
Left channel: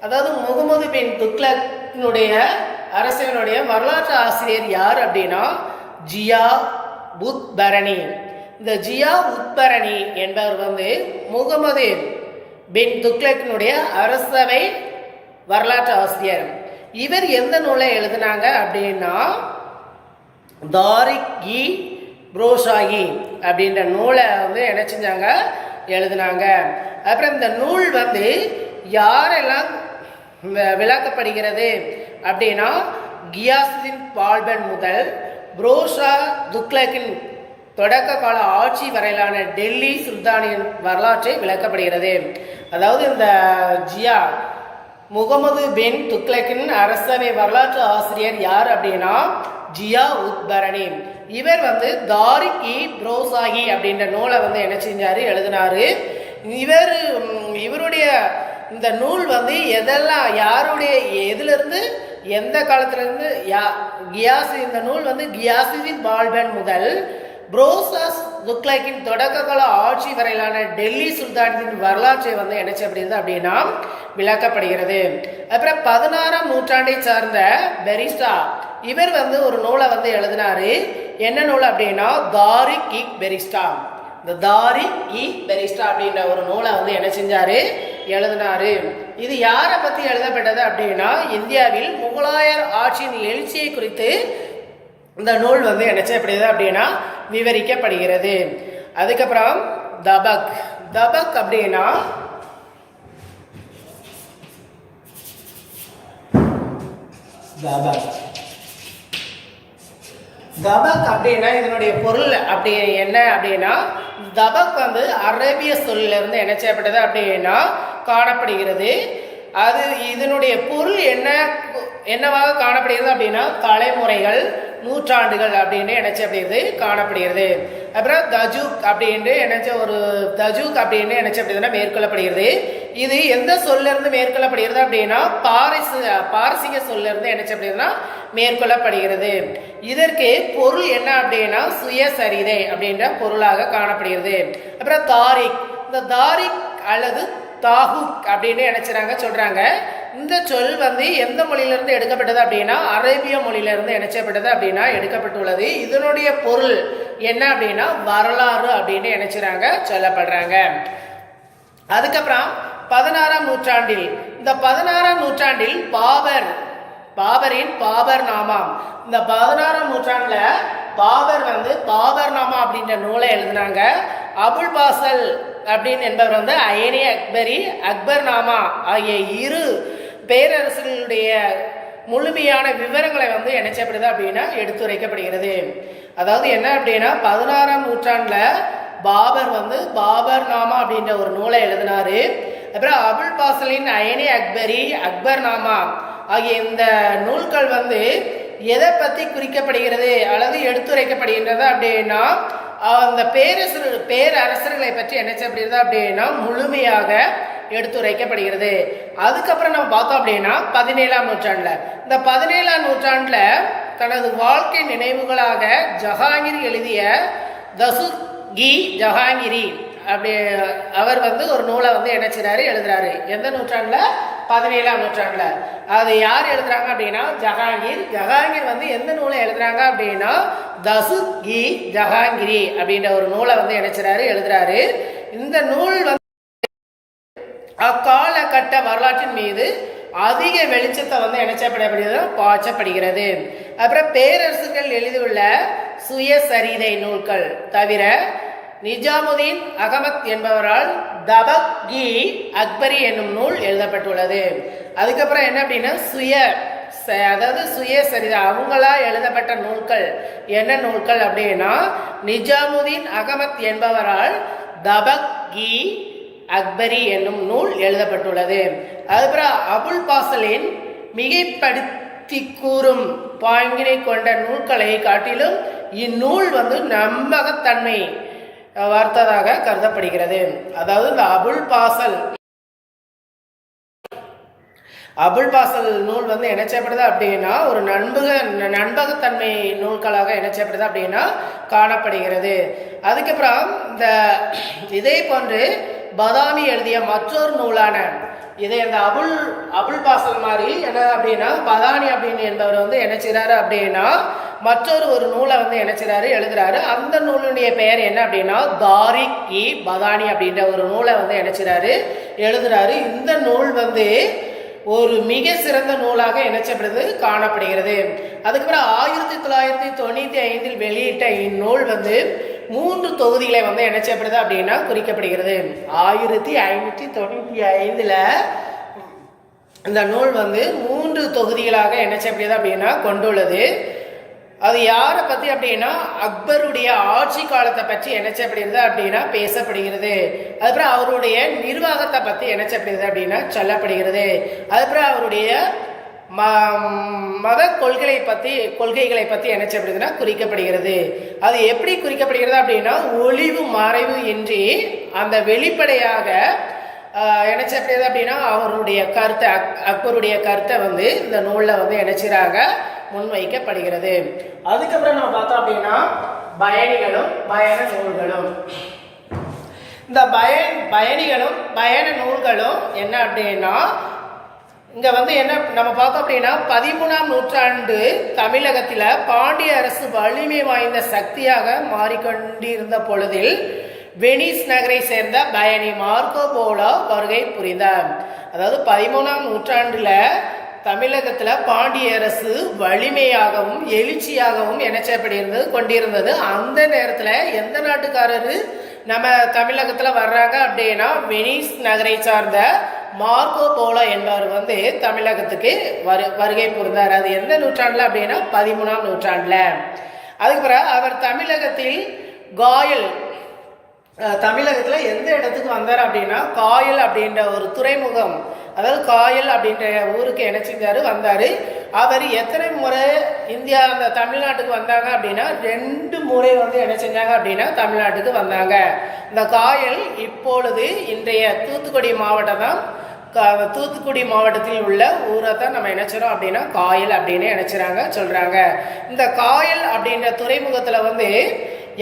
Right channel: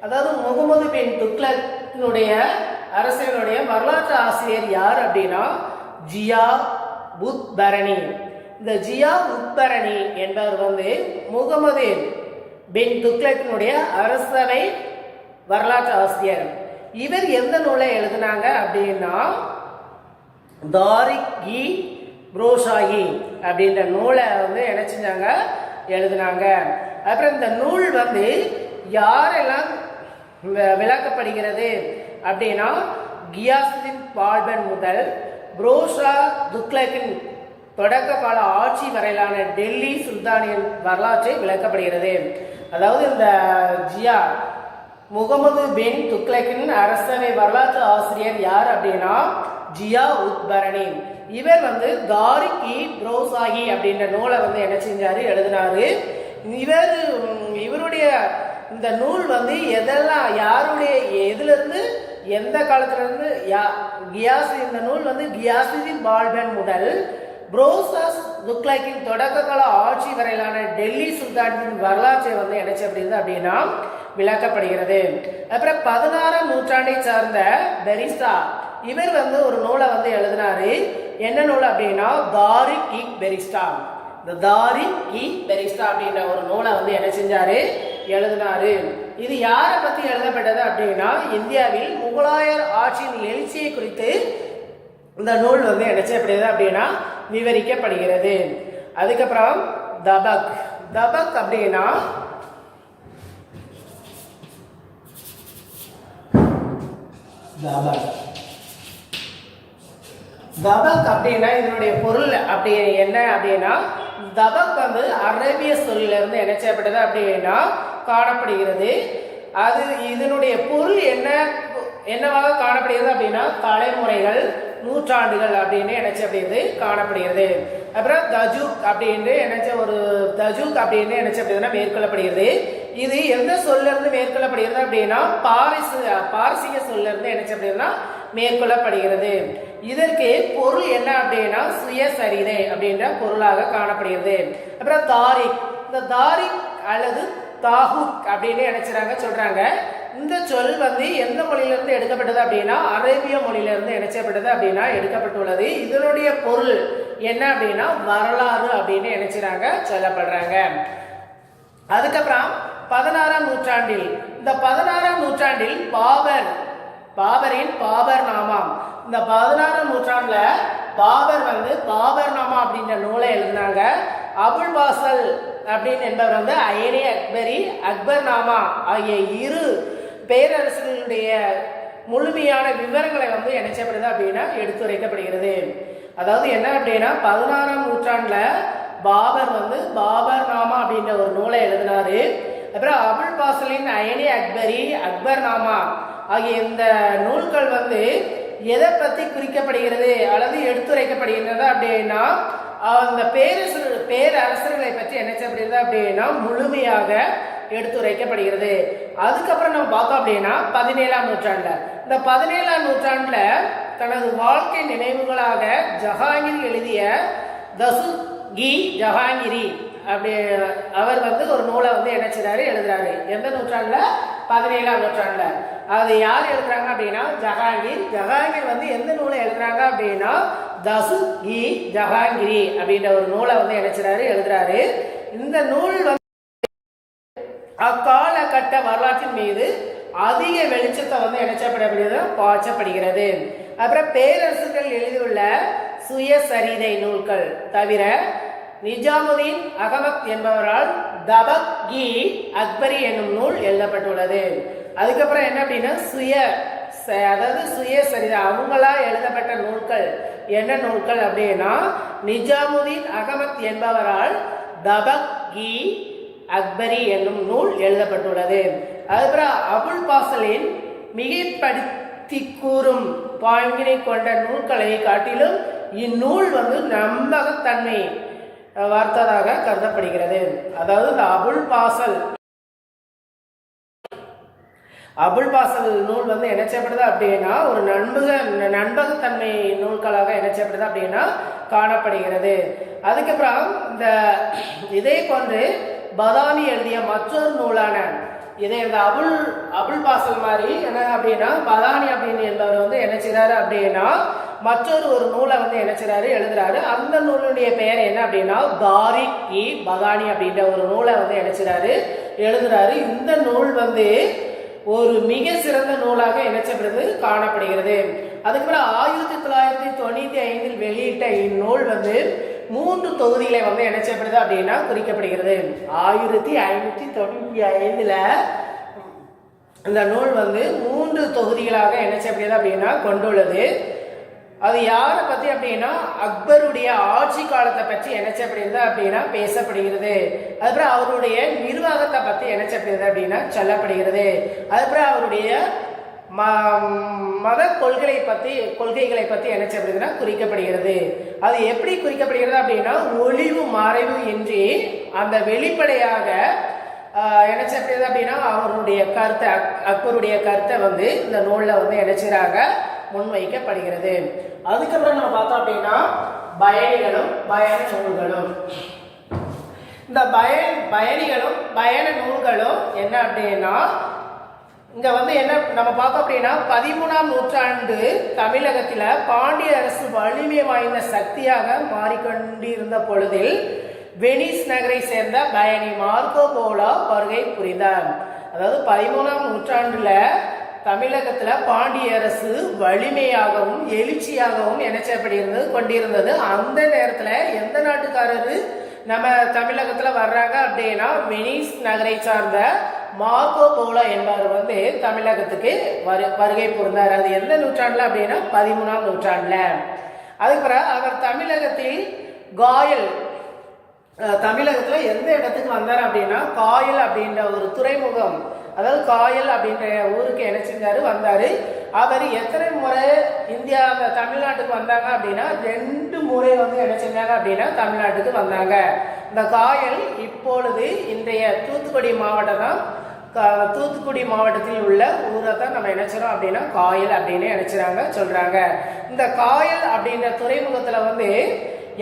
அதாவது முகமது பின் துக்ளக்கினுடைய அரசனுடைய வரலாற்று ஆசிரியர் யார் அப்படின்னா ஜியா உத் பரணி. இந்த ஜியா உத் பரணி என்பவர் வந்து முகமது பின் துக்ளக்கினுடைய அரசவை வரலாற்று ஆசிரியர். இவர் எந்த நூலை எழுதினாங்க அப்படின்னா தாரிக் இ புரோஷாஹி அப்படின்ற நூலை வந்து என்ன செஞ்சாங்க, எழுதினாங்க. அப்புறம் இந்த நூல் வந்து யாரெல்லாம் விளக்கப்படுகிறது அப்படின்னா கியாசுதீன் பால்பன் முதல் புரோஷா துக்ளக்கின் தொடக்க கால ஆட்சி வரையிலான டெல்லி சுல்தானின் வரலாற்றை விளக்கப்படுகிறது. அதாவது இந்த ஜியா முகமது பின் துக்ளக்கின் அரசவை வரலாற்று ஆசிரியர் யார் அப்படின்னா ஜியா உத் பரணி. இவர் வந்து தாரிக் இ புரோஷாஹி அப்படின்ற நூலை வந்து என்ன செஞ்சாரு, எழுதினாரு. இவருடைய இந்த நூல் வந்து எதெல்லாம் யாருடைய எதிலிருந்து எந்த காலத்துல இருந்து இந்த நூல் வந்து கியாசுதீன் பால்பன் முதல் புரோசாஸ் துக்ளக்கின் தொடக்க கால ஆட்சி வரையிலான டெல்லி சுல்தானின் வரலாற்றை வந்து என்ன செய்யப்படுகிறது அப்படின்னா விளக்கப்படுகிறது. அப்புறம் 16ஆம் நூற்றாண்டை சார்ந்த பெரிஸ்டா, இவர் வந்து ஒரு நூலை வந்து எழுதினாரு. என்ன நூல் அப்படின்னா தாரிக் இ பெரிஸ்டா. இந்த தாரிக் இ பெரிஸ்டா அப்படின்ற ஒரு நூலை வந்து என்ன செஞ்சாரு, எழுதினாரு. இது யாரை பத்தி எழுதப்பட்டது அப்படின்னா இந்தியாவில் முகலாயர் ஆட்சியின் எழுச்சியை குறித்து இந்த நூல் வந்து என்ன செய்யப்படுகிறது அப்படின்னா விவரிக்கப்படுகிறது. அதுக்கப்புறம் தபக். தபக் அப்படின்னா தபக் அப்படின்னா இதனுடைய பொருள் அப்படி என்ன அப்படின்னா தபக் வந்து அரேபிய சொல்லில இருந்து என்ன செய்யப்பட்டது அப்படின்னா காணப்படுகிறது. அது இதனுடைய பொருள் என்னவாக காணப்படுகிறது அப்படின்னா தலைமுறைகள், நூற்றாண்டுகள் அப்படின்னு என்ன செய்யப்படுகிறது காணப்படுகிறது. அப்புறம் தஜூக் அப்படின்னு தஜூக் அப்படின்னு என்ன செய்யப்படுதுன்னா மேற்கொள்ளப்படுகிறது. இது எந்த சொல்ல இருந்து மேற்கொள்ளப்படுகிறது அப்படின்னா பாரசீக சொல்ல இருந்து என்ன செய்யப்படுதுன்னா மேற்கொள்ளப்படுகிறது. இதற்கு பொருள் என்ன அப்படின்னா சுயசரிதை அப்படின்ற பொருளாக காணப்படுகிறது. அப்புறம் தாரிக், இந்த தாரிக் அல்லது தாஹுக் அப்படின்னு என்ன சொல்றாங்க. இந்த சொல் வந்து எந்த மொழியிலிருந்து எடுக்கப்பட்டது அப்படின்னா அரேபிய மொழியிலிருந்து என்ன செய்யப்பட்டது அப்படின்னா எடுக்கப்பட்டுள்ளது. இதனுடைய பொருள் என்ன அப்படின்னா வரலாறு அப்படின்னு என்ன சொல்லப்படுறாங்க. அதுக்கப்புறம் 16ஆம் நூற்றாண்டில் இந்த 16ஆம் நூற்றாண்டில் பாபரின் பாபர் நாமா, இந்த 16ஆம் நூற்றாண்டுல பாபர் வந்து பாபர் நாமா அப்படின்ற நூலை எழுதினாங்க. அபுல் பாசல் அப்படின்னு என்பவர் வந்து அயனி அக்பரி அக்பர் நாமா ஆகிய இரு பேரரசுகளுடைய முழுமையான விவரங்களை வந்து என்ன செய்யப்படுது அப்படின்னா எடுத்துரைக்கப்படுகிறது. அதாவது என்ன அப்படின்னா 16ஆம் நூற்றாண்டுல பாபர் வந்து பாபர் நாமா அப்படின்ற ஒரு நூலை எழுதினாரு. அப்புறம் அபுல் பாசலின் அயனி அக்பரி, அக்பர் நாமா ஆகிய இந்த நூல்கள் வந்து எதை பற்றி குறிக்கப்படுகிறது அல்லது எடுத்துரைக்கப்படுகின்றது அப்படின்னா அந்த பேரரசர்களை பற்றி என்ன செய்யப்படுகிறது அப்படின்னா முழுமையாக எடுத்துரைக்கப்படுகிறது. அதுக்கப்புறம் நம்ம பார்த்தோம் அப்படின்னா 17ஆம் நூற்றாண்டுல இந்த 17ஆம் நூற்றாண்டுல தனது வாழ்க்கை நினைவுகளாக ஜஹாங்கீர் எழுதிய தசுகி ஜஹாங்கிரி அப்படி அவர் வந்து ஒரு நூலை வந்து என்ன செய்றாரு எழுதுறாரு. எந்த நூற்றாண்டுல? 17ஆம் நூற்றாண்டுல. அது யார் எழுதுறாங்க அப்படின்னா ஜஹாங்கீர் வந்து எந்த நூலை எழுதுறாங்க அப்படின்னா தசுகி ஜஹாங்கிரி அப்படின்ற ஒரு நூலை வந்து என்ன செய்றாரு எழுதுறாரு. இந்த நூல் வந்து அக்காலகட்ட வரலாற்றின் மீது அதிக வெளிச்சத்தை வந்து என்ன செய்யப்படுகிறது பாய்ச்சப்படுகிறது. அப்புறம் பேரரசுகள் எழுதியுள்ள சுயசரிதை நூல்கள் தவிர நிஜாமுதீன் அகமத் என்பவரால் தபக்-இ அக்பரி என்னும் நூல் எழுதப்பட்டுள்ளது. அதுக்கப்புறம் என்ன அப்படின்னா சுயசரிதை அவங்களா எழுதப்பட்ட நூல்கள் என்ன நூல்கள் அப்படின்னா நிஜாமுதீன் அகமத் என்பவரால் தபக்-இ அக்பரி என்னும் நூல் எழுதப்பட்டுள்ளது. அதுக்கப்புறம் அபுல் பாசலின் மிகைப்படுத்தி கூறும் பாங்கினை கொண்ட நூல்களை காட்டிலும் இந்நூல் வந்து நம்பகத்தன்மை வார்த்ததாக கருதப்படுகிறது. அதாவது இந்த அபுல் பாசல் நூல் வந்து என்ன செய்யப்படுது அப்படின்னா ஒரு நண்பகத்தன்மை நூல்களாக என்ன செய்யப்படுது அப்படின்னா காணப்படுகிறது. அதுக்கப்புறம் இந்த இதே போன்று பதாமி எழுதிய மற்றொரு நூலான இதே இந்த அபுல் பாசல் மாதிரி என்ன அப்படின்னா பதானி அப்படின்னு என்பவர் வந்து என்ன செய்றாரு அப்படின்னா மற்றொரு நூலை வந்து என்ன செய்றாரு எழுதுறாரு. அந்த நூலுடைய பெயர் என்ன அப்படின்னா தாரிக்-இ பதானி அப்படின்ற ஒரு நூலை வந்து என்ன செய்றாரு எழுதுறாரு. இந்த நூல் வந்து ஒரு மிக சிறந்த நூலாக இணைச்சப்படுது காணப்படுகிறது. அதுக்கப்புறம் 1995 வெளியிட்ட இந்நூல் வந்து 3 தொகுதிகளை வந்து என்ன செய்யப்படுது அப்படின்னா குறிக்கப்படுகிறது. 1595 இந்த நூல் வந்து 3 தொகுதிகளாக என்ன செய்யப்படுது அப்படின்னா கொண்டுள்ளது. அது யாரை பற்றி அப்படின்னா அக்பருடைய ஆட்சி காலத்தை பற்றி என்ன செய்யப்படுகிறது அப்படின்னா பேசப்படுகிறது. அதுக்கப்புறம் அவருடைய நிர்வாகத்தை பற்றி என்ன செய்யப்படுகிறது அப்படின்னா சொல்லப்படுகிறது. அதுக்கப்புறம் அவருடைய மத கொள்கைகளை பற்றி என்ன செய்யப்படுதுன்னா குறிக்கப்படுகிறது. அது எப்படி குறிக்கப்படுகிறது அப்படின்னா ஒளிவு மறைவு இன்றி அந்த வெளிப்படையாக என்ன செய்யப்படுது அப்படின்னா அவருடைய கருத்தை அக்பருடைய கருத்தை வந்து இந்த நூலில் வந்து என்ன செய்றாங்க முன்வைக்கப்படுகிறது. அதுக்கப்புறம் நம்ம பார்த்தோம் அப்படின்னா பயணிகளும் பயண நூல்களும். இந்த பயணிகளும் பயண நூல்களும் என்ன அப்படின்னா இங்க வந்து என்ன நம்ம பார்த்தோம் அப்படின்னா 13ஆம் நூற்றாண்டு தமிழகத்தில் பாண்டிய அரசு வலிமை வாய்ந்த சக்தியாக மாறிக்கொண்டிருந்த பொழுதில் வெனிஸ் நகரை சேர்ந்த பயணி மார்க்கோ போலோ வருகை புரிந்தார். அதாவது 13ஆம் நூற்றாண்டுல தமிழகத்தில் பாண்டிய அரசு வலிமையாகவும் எழுச்சியாகவும் என்ன செய்யப்படுகிறது கொண்டிருந்தது. அந்த நேரத்தில் எந்த நாட்டுக்காரரு நம்ம தமிழகத்தில் வர்றாங்க அப்படின்னா வெனிஸ் நகரை சார்ந்த மார்க்கோ போலோ என்பவர் வந்து தமிழகத்துக்கு வருகை புரிந்தார். அது எந்த நூற்றாண்டுல அப்படின்னா 13ஆம் நூற்றாண்டுல. அதுக்கப்புறம் அவர் தமிழகத்தில் தமிழகத்தில் எந்த இடத்துக்கு வந்தார் அப்படின்னா காயல் அப்படின்ற ஒரு துறைமுகம், அதாவது காயல் அப்படின்ற ஊருக்கு என்ன செஞ்சாரு வந்தாரு. அவர் எத்தனை முறை இந்தியா அந்த தமிழ்நாட்டுக்கு வந்தாங்க அப்படின்னா 2 முறை வந்து என்ன செஞ்சாங்க அப்படின்னா தமிழ்நாட்டுக்கு வந்தாங்க. இந்த காயல் இப்பொழுது இன்றைய தூத்துக்குடி மாவட்டம் தான். தூத்துக்குடி மாவட்டத்தில் உள்ள ஊரை தான் நம்ம நினைச்சிரோம் அப்படின்னா காயல் அப்படின்னு நினைச்சுறாங்க சொல்றாங்க. இந்த காயல் அப்படின்ற துறைமுகத்துல வந்து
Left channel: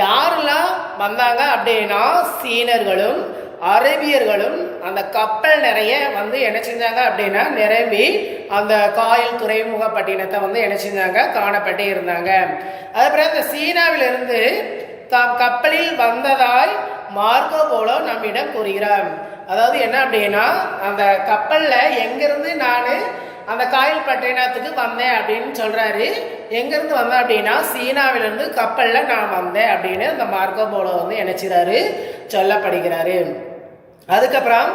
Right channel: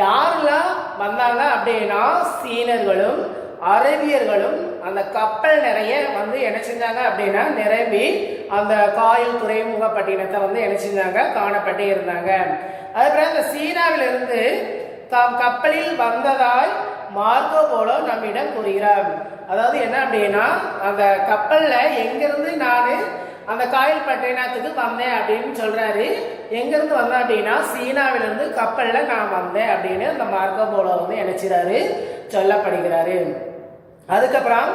யாரெல்லாம் வந்தாங்க அப்படின்னா சீனர்களும் அரேபியர்களும் அந்த கப்பல் நிறைய வந்து என்ன செஞ்சாங்க அப்படின்னா நிரம்பி அந்த காயல் துறைமுக பட்டினத்தை வந்து என்ன செஞ்சாங்க காணப்பட்டே இருந்தாங்க. அதுக்கப்புறம் இந்த சீனாவிலிருந்து தாம் கப்பலில் வந்ததாய் மார்க்கோ போலோ நம்மிடம் கூறுகிறார். அதாவது என்ன அப்படின்னா அந்த கப்பல்ல எங்கிருந்து நான் அந்த காயல் பட்டினத்துக்கு வந்தேன் அப்படின்னு சொல்றாரு. எங்கிருந்து வந்தேன் அப்படின்னா சீனாவிலிருந்து கப்பல்ல நான் வந்தேன் அப்படின்னு அந்த மார்க்கோ போலோ வந்து நினைச்சாரு சொல்லப்படுகிறாரு. அதுக்கப்புறம்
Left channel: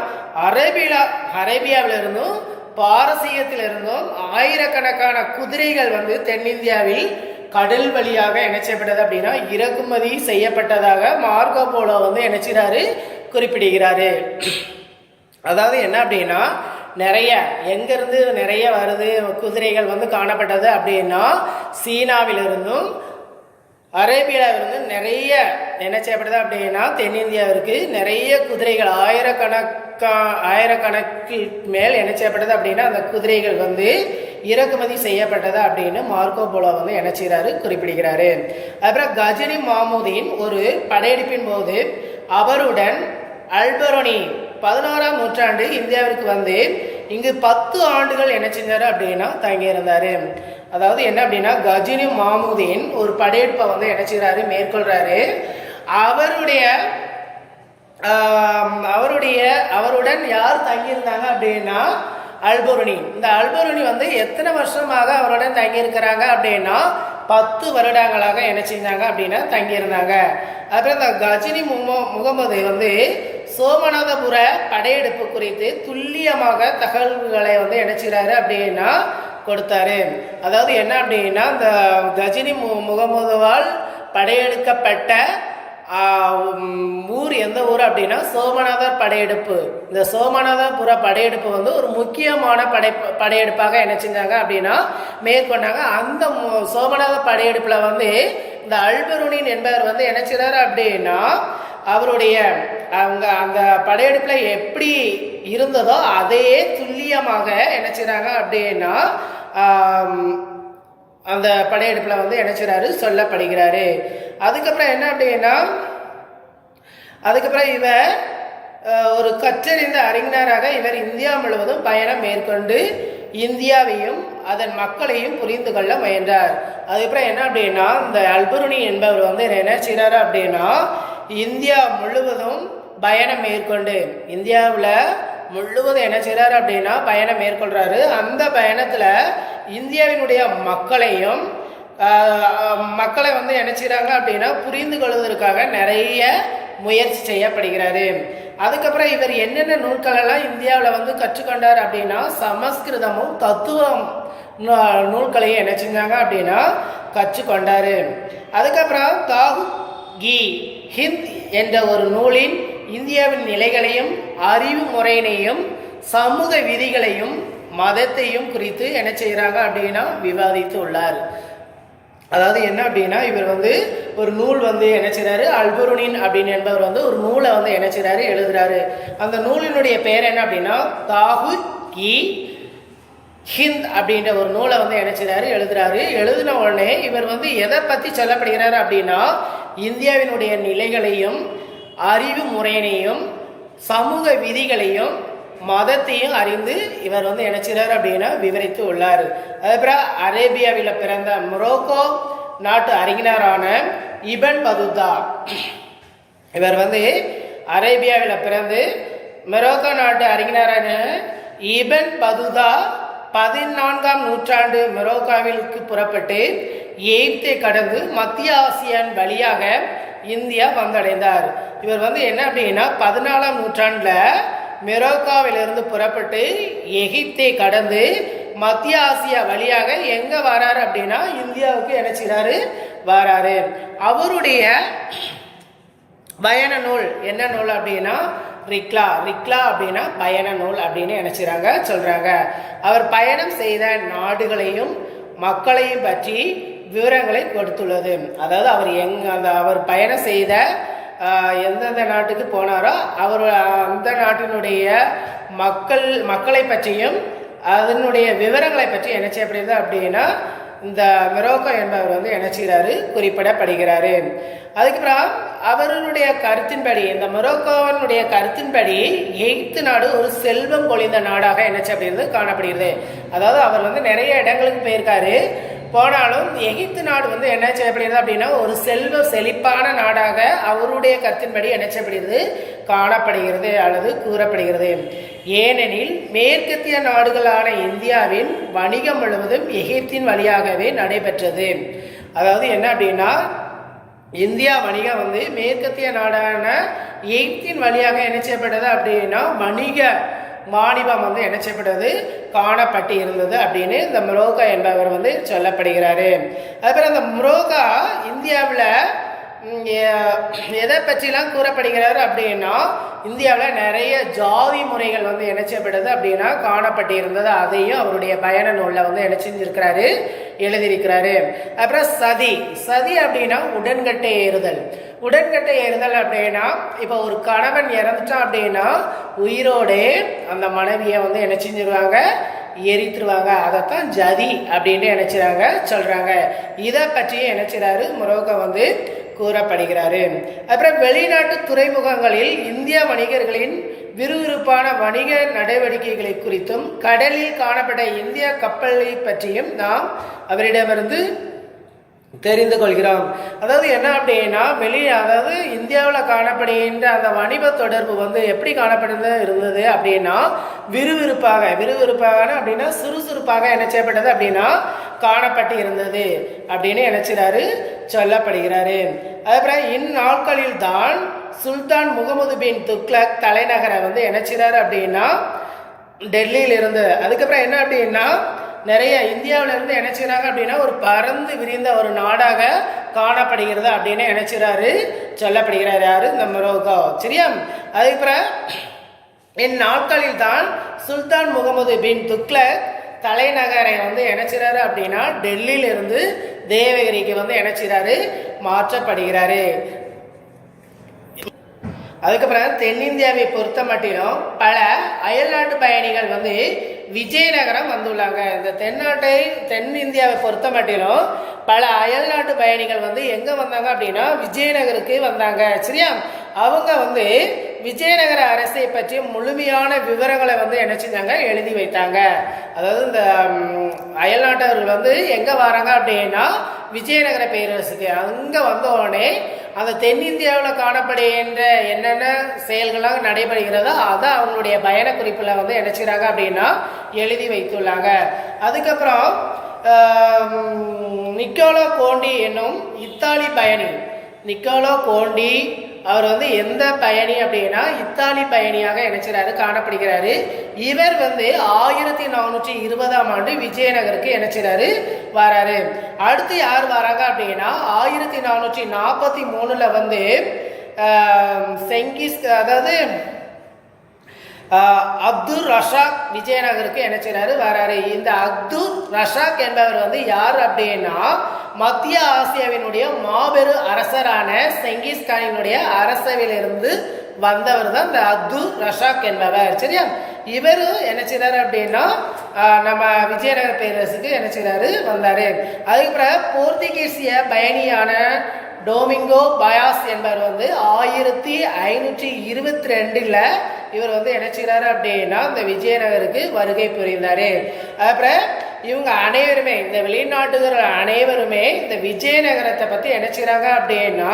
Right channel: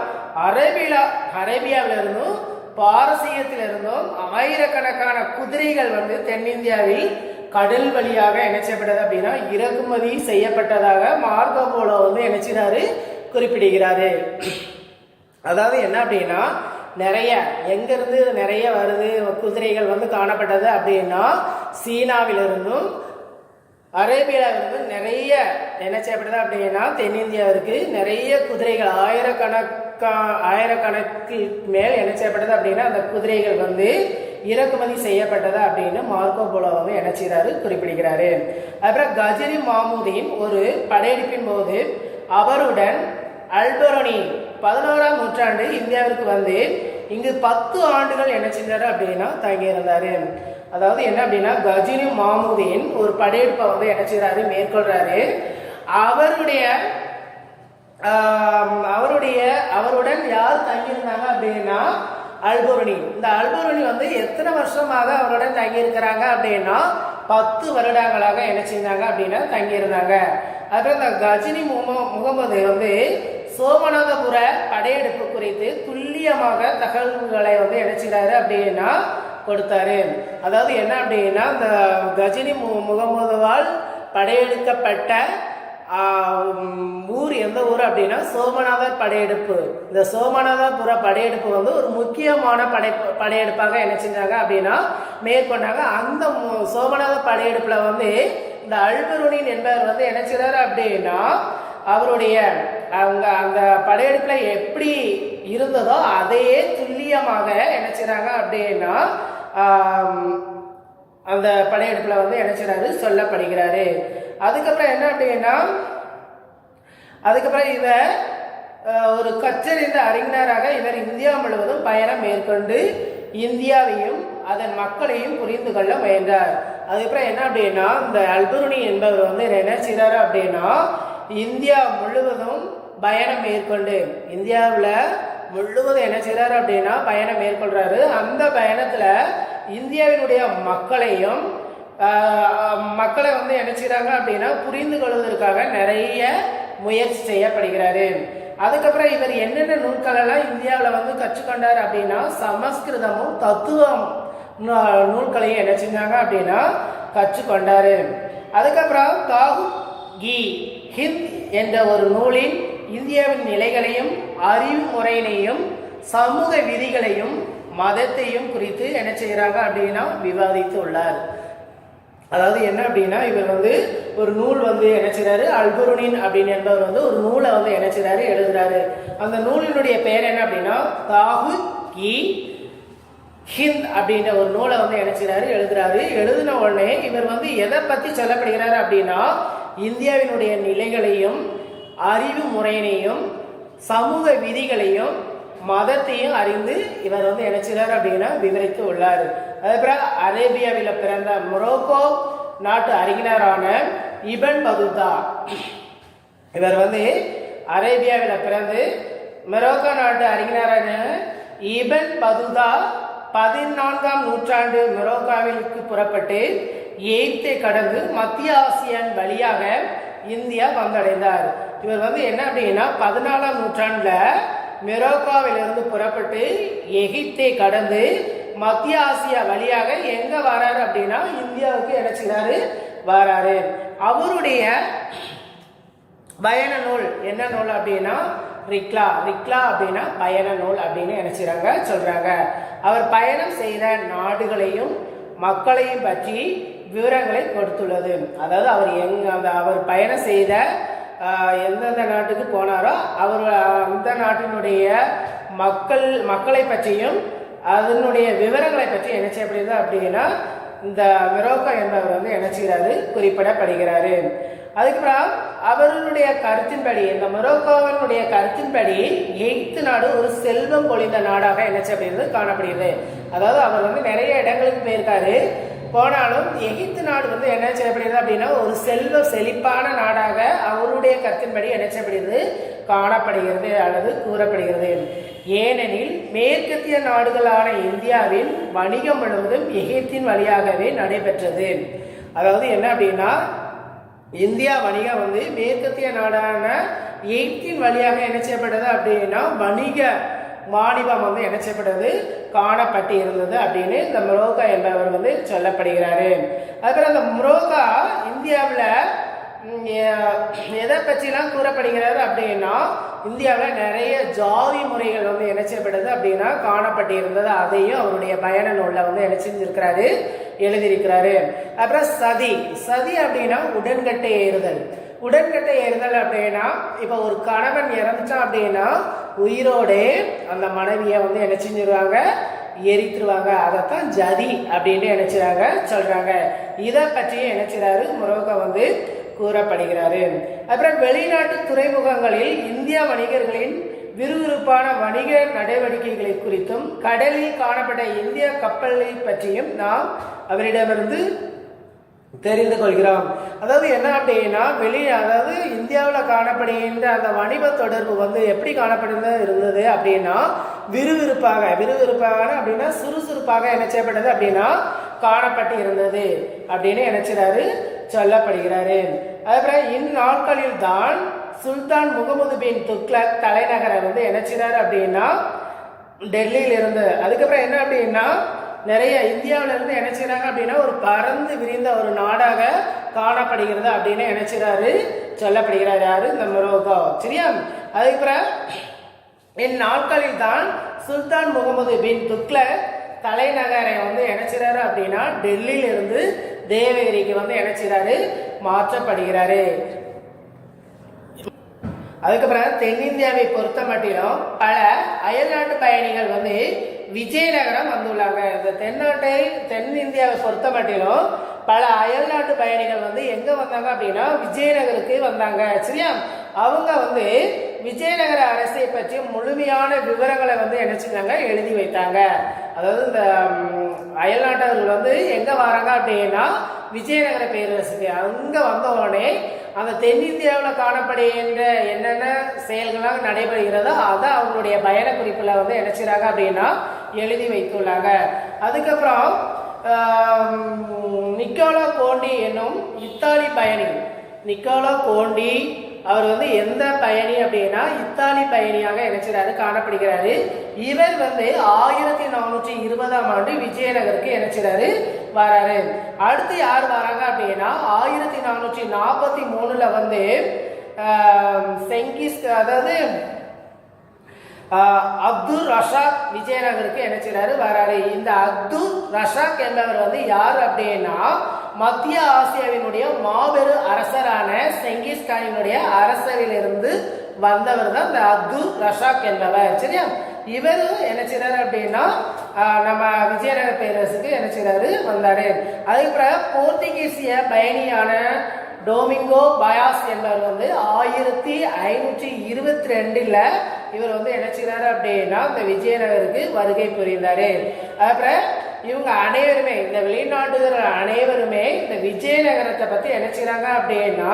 அரேபியாவிலிருந்தும் பாரசீகத்திலிருந்தும் ஆயிரக்கணக்கான குதிரைகள் வந்து தென்னிந்தியாவில் கடல் வழியாக என்ன செய்யப்பட்டது அப்படின்னா இறக்குமதி செய்யப்பட்டதாக மார்க்கோ போலோ வந்து என்ன செய்றாரு குறிப்பிடுகிறாரு. அதாவது என்ன அப்படின்னா நிறைய எங்கிருந்து நிறைய வருது குதிரைகள் வந்து காணப்பட்டது அப்படின்னா சீனாவிலிருந்தும் அரேபியாவிலிருந்தும் நிறைய என்ன செய்யப்படுது அப்படின்னா தென்னிந்தியாவிற்கு நிறைய குதிரைகள் ஆயிரக்கணக்கு மேல் என்ன செய்யப்பட்டது அப்படின்னா அந்த குதிரைகள் வந்து இறக்குமதி செய்யப்பட்டது அப்படின்னு மார்க்கோ போலோ வந்து என்ன செய்கிறாரு குறிப்பிடுகிறாரு. அப்புறம் கஜினி மாமூதின் ஒரு படையெடுப்பின் போது அவருடன் அல்பெரோனி 16ஆம் நூற்றாண்டு இந்தியாவிற்கு வந்து இங்கு 10 ஆண்டுகள் என்ன செஞ்சாரு அப்படின்னா தங்கியிருந்தாரு. அதாவது என்ன அப்படின்னா கஜினி மாமூதின் ஒரு படையெடுப்பை வந்து என்ன செய்கிறாரு மேற்கொள்றாரு. அவருடன் யார் தங்கியிருந்தாங்க அப்படின்னா அல்பெரோனி. இந்த அல்பெரோனி வந்து எத்தனை வருஷமாக அவருடன் தங்கியிருக்கிறாங்க அப்படின்னா 10 வருடங்களாக என்ன செஞ்சாங்க அப்படின்னா தங்கியிருந்தாங்க. அப்புறம் இந்த கஜினி முகமது வந்து சோமநாதபுர படையெடுப்பு குறித்து துல்லியமாக தகவல்களை வந்து என்ன செய்றாரு அப்படின்னா கொடுத்தாரு. அதாவது என்ன அப்படின்னா இந்த கஜினி முகமதுவால் படையெடுக்கப்பட்ட ஊர் எந்த ஊர் அப்படின்னா சோமநாதர் படையெடுப்பு. இந்த சோமநாதபுர படையெடுப்பு வந்து ஒரு முக்கியமான படையெடுப்பாக என்ன செஞ்சாங்க அப்படின்னா மேற்கொண்டாங்க. அந்த சோமநாதர் படையெடுப்புல வந்து இந்த அல்பெரோனி என்பவர் வந்து என்ன செய்றாரு அப்படின்னா அவருடைய அந்த படையெடுப்புல எப்படி இருந்ததோ அதையே துல்லியமாக என்ன செய்றாங்க அப்படின்னா அந்த படையெடுப்புல வந்து என்ன செய்றாரு சொல்லப்படுகிறாரு. அதுக்கப்புறம் என்ன அப்படின்னா இவர் ஒரு கற்றறிந்த அறிஞராக இவர் இந்தியா முழுவதும் பயணம் மேற்கொண்டு இந்தியாவையும் அதன் மக்களையும் புரிந்து கொள்ள முயன்றார். அதுக்கப்புறம் என்ன அப்படின்னா இந்த அல்பெரோனி என்பவர் வந்து என்ன செய்றாரு அப்படின்னா இந்தியா முழுவதும் பயணம் மேற்கொண்டு இந்தியாவில் முழுவதும் என்ன செய்றாரு அப்படின்னா பயணம் மேற்கொள்றாரு. அந்த பயணத்துல இந்தியாவினுடைய மக்களை வந்து என்ன செய்றாங்க அப்படின்னா புரிந்து கொள்வதற்காக நிறைய முயற்சி செய்யப்படுகிறாரு. அதுக்கப்புறம் இவர் என்னென்ன நூல்கள் எல்லாம் இந்தியாவில் வந்து கற்றுக்கொண்டார் அப்படின்னா சமஸ்கிருதமும் தத்துவம் நூல்களையும் என்ன செஞ்சாங்க அப்படின்னா கற்றுக்கொண்டாரு. அதுக்கப்புறம் தாகு கி ஹிந்த் என்ற ஒரு நூலின் இந்தியாவின் நிலைகளையும் அறிவு முறையினையும் சமூக விதிகளையும் மதத்தையும் குறித்து என்ன செய்கிறாங்க அப்படின்னா விவாதித்து உள்ளார். அதாவது என்ன அப்படின்னா இவர் வந்து ஒரு நூல் வந்து என்ன செய்றாரு அல்பெரோனி அப்படின்னு என்பவர் வந்து ஒரு நூலை வந்து என்ன செய்றாரு எழுதுறாரு. அந்த நூலினுடைய பெயர் என்ன அப்படின்னா தாகு கி ஹிந்த் அப்படின்ற ஒரு நூலை வந்து என்ன செய்றாரு எழுதுறாரு. எழுதின உடனே இவர் வந்து எதை பற்றி சொல்லப்படுகிறார் அப்படின்னா இந்தியாவினுடைய நிலைகளையும் அறிவு முறையினையும் சமூக விதிகளையும் மதத்தையும் அறிந்து இவர் வந்து என்ன செய்றாரு அப்படின்னா விவரித்து உள்ளார். அதுக்கப்புறம் அரேபியாவில் பிறந்த மொரோக்கோ நாட்டு அறிஞரான இபன் பதுதா இவர் வந்து அரேபியாவில் பிறந்து மொரோக்கோ நாட்டு அறிஞரான இபன் பதுதா 14ஆம் நூற்றாண்டு மொரோக்கோவிற்கு புறப்பட்டு எகிப்தை கடந்து மத்திய ஆசியான் வழியாக இந்தியா வந்தடைந்தார். இவர் வந்து என்ன அப்படின்னா 14ஆம் நூற்றாண்டுல மொரோக்கோவிலிருந்து புறப்பட்டு எகிப்தை கடந்து மத்திய ஆசியா வழியாக எங்க வராரு அப்படின்னா இந்தியாவுக்கு என்ன செய்றாரு வராரு. அவருடைய பயண நூல் என்ன நூல் அப்படின்னா ரிக்லா அப்படின்னா பயண நூல் அப்படின்னு என்ன செய்றாங்க சொல்றாங்க. அவர் பயணம் செய்த நாடுகளையும் மக்களையும் பற்றி விவரங்களை கொடுத்துள்ளது. அதாவது அவர் பயணம் செய்த எந்தெந்த நாட்டுக்கு போனாரோ அவர் அந்த நாட்டினுடைய மக்களை பற்றியும் அதனுடைய விவரங்களை பற்றி என்ன செய்யப்படுது அப்படின்னா இந்த மொரோக்கோ என்பவர் வந்து என்ன செய்கிறாரு குறிப்பிடப்படுகிறாரு. அதுக்கப்புறம் அவர்களுடைய கருத்தின்படி இந்த மொரோக்கோவினுடைய கருத்தின்படி எகிப்து நாடு ஒரு செல்வம் பொழிந்த நாடாக என்ன செய்யப்படுகிறது காணப்படுகிறது. அதாவது அவர் வந்து நிறைய இடங்களுக்கு போயிருக்காரு. போனாலும் எகிப்து நாடு வந்து என்ன செய்யப்படுகிறது அப்படின்னா ஒரு செல்வ செழிப்பான நாடாக அவருடைய கருத்தின்படி என்ன செய்யப்படுகிறது காணப்படுகிறது அல்லது கூறப்படுகிறது. ஏனெனில் மேற்கத்திய நாடுகளான இந்தியாவின் வணிகம் முழுவதும் எகிப்தின் வழியாகவே நடைபெற்றது. அதாவது என்ன அப்படின்னா இந்தியா வணிகம் வந்து மேற்கத்திய நாடான எகிப்தின் வழியாக என்ன செய்யப்பட்டது அப்படின்னா மாநிலம் வந்து என்ன செய்யப்பட்டது, காணப்பட்டு இருந்தது அப்படின்னு இந்த முரோகா என்பவர் வந்து சொல்லப்படுகிறாரு. அதுக்கப்புறம் அந்த முரோகா இந்தியாவில் எதை பற்றிலாம் கூறப்படுகிறாரு அப்படின்னா, இந்தியாவில் நிறைய ஜாதி முறைகள் வந்து என்ன செய்யப்பட்டது அப்படின்னா காணப்பட்டு இருந்தது. அதையும் அவருடைய பயண நூலில் வந்து என்ன செஞ்சிருக்கிறாரு, எழுதியிருக்கிறாரு. அப்புறம் சதி, சதி அப்படின்னா உடன்கட்டை ஏறுதல். உடன்கட்டை ஏறுதல் அப்படின்னா இப்போ ஒரு கணவன் இறந்துட்டான் அப்படின்னா உயிரோடு அந்த மனைவியை வந்து என்ன செஞ்சிருவாங்க, எரித்துருவாங்க. அதைத்தான் ஜதி அப்படின்னு நினைச்சாங்க சொல்றாங்க. இதை பற்றியும் நினைச்சாரு முரோகா வந்து கூறப்படுகிறாரு. அப்புறம் வெளிநாட்டு துறைமுகங்களில் இந்திய வணிகர்களின் விறுவிறுப்பான வணிக நடவடிக்கைகளை குறித்தும் கடலில் காணப்பட்ட இந்திய கப்பலை பற்றியும் நாம் அவரிடமிருந்து தெரிந்து கொள்கிறோம். அதாவது என்ன அப்படின்னா அதாவது இந்தியாவில் காணப்படுகின்ற அந்த வணிக தொடர்பு வந்து எப்படி காணப்படுது இருந்தது அப்படின்னா விறுவிறுப்பாக அப்படின்னா சுறுசுறுப்பாக என்ன செய்யப்பட்டது அப்படின்னா காணப்பட்டு இருந்தது அப்படின்னு நினைச்சாரு சொல்லப்படுகிறாரு. அதுக்கப்புறம் இந்நாட்களில் தான் சுல்தான் முகமது பின் துக்ளக் தலைநகரை வந்து நினைச்சாரு அப்படின்னா டெல்லியில் இருந்து. அதுக்கப்புறம் என்ன அப்படின்னா நிறைய இந்தியாவில இருந்து நினைச்சுறாங்க அப்படின்னா ஒரு பறந்து விரிந்த ஒரு நாடாக காணப்படுகிறது அப்படின்னு நினைச்சுறாரு சொல்லப்படுகிறார். யாரு, இந்த முரோகா. சரியா? அதுக்கப்புறம் இந்நாட்களில் தான் சுல்தான் முகமது பின் துக்ளக் தலைநகரை வந்து நினைச்சுறாரு அப்படின்னா டெல்லியில இருந்து தேவகிரிக்கு வந்து நினைச்சுறாரு மாற்றப்படுகிறாரு. அதுக்கப்புறம் தென்னிந்தியாவை பொறுத்த மட்டிலும் பல அயல்நாட்டு பயணிகள் வந்து விஜயநகரம் வந்துள்ளாங்க. இந்த தென்னிந்தியாவை பொறுத்த மட்டிலும் பல அயல்நாட்டு பயணிகள் வந்து எங்க வந்தாங்க அப்படின்னா விஜயநகருக்கு வந்தாங்க. சரியா? அவங்க வந்து விஜயநகர அரசை பற்றி முழுமையான விவரங்களை வந்து என்ன செஞ்சாங்க, எழுதி வைத்தாங்க. அதாவது இந்த அயல்நாட்டவர்கள் வந்து எங்க வராங்க அப்படின்னா விஜயநகர பேரரசுக்கு. அங்க வந்த உடனே அந்த தென்னிந்தியாவில் காணப்படுகின்ற என்னென்ன செயல்களாக நடைபெறுகிறதோ அதை அவங்களுடைய பயண குறிப்பில் வந்து என்ன செய்றாங்க அப்படின்னா எழுதி வைத்துள்ளாங்க. அதுக்கப்புறம் நிக்கோலோ கோண்டி என்னும் இத்தாலி பயணி, நிக்கோலோ கோண்டி அவர் வந்து எந்த பயணி அப்படின்னா இத்தாலி பயணியாக நினைச்சாரு காணப்படுகிறாரு. இவர் வந்து 1420ஆம் ஆண்டு விஜயநகருக்கு நினைச்சாரு வராரு. அடுத்து யார் வராங்க அப்படின்னா 1443ல வந்து செங்கிஸ் அதாவது அப்துல் ரஷாக் விஜயநகருக்கு என்ன செய்றாரு வராரு. இந்த அப்துல் ரஷாக் என்பவர் வந்து யார் அப்படின்னா மத்திய ஆசியாவினுடைய மாபெரும் அரசரான செங்கிஸ் கானினுடைய அரசவையிலிருந்து வந்தவர் தான் இந்த அப்துல் ரஷாக் என்பவர். சரியா? இவரு என்ன செய்றாரு அப்படின்னா நம்ம விஜயநகர பேரரசுக்கு என்ன செய்றாரு வந்தாரு. அதுக்கப்புறம் போர்த்துகீசிய பயணியான டோமிங்கோ பயாஸ் என்பவர் வந்து 1522ல் இவர் வந்து என்ன செய்றாரு அப்படின்னா இந்த விஜயநகருக்கு வருகை புரிந்தாரு. அப்புறம் இவங்க அனைவருமே இந்த வெளிநாட்டுகள் அனைவருமே இந்த விஜயநகரத்தை பத்தி என்ன செய்றாங்க அப்படின்னா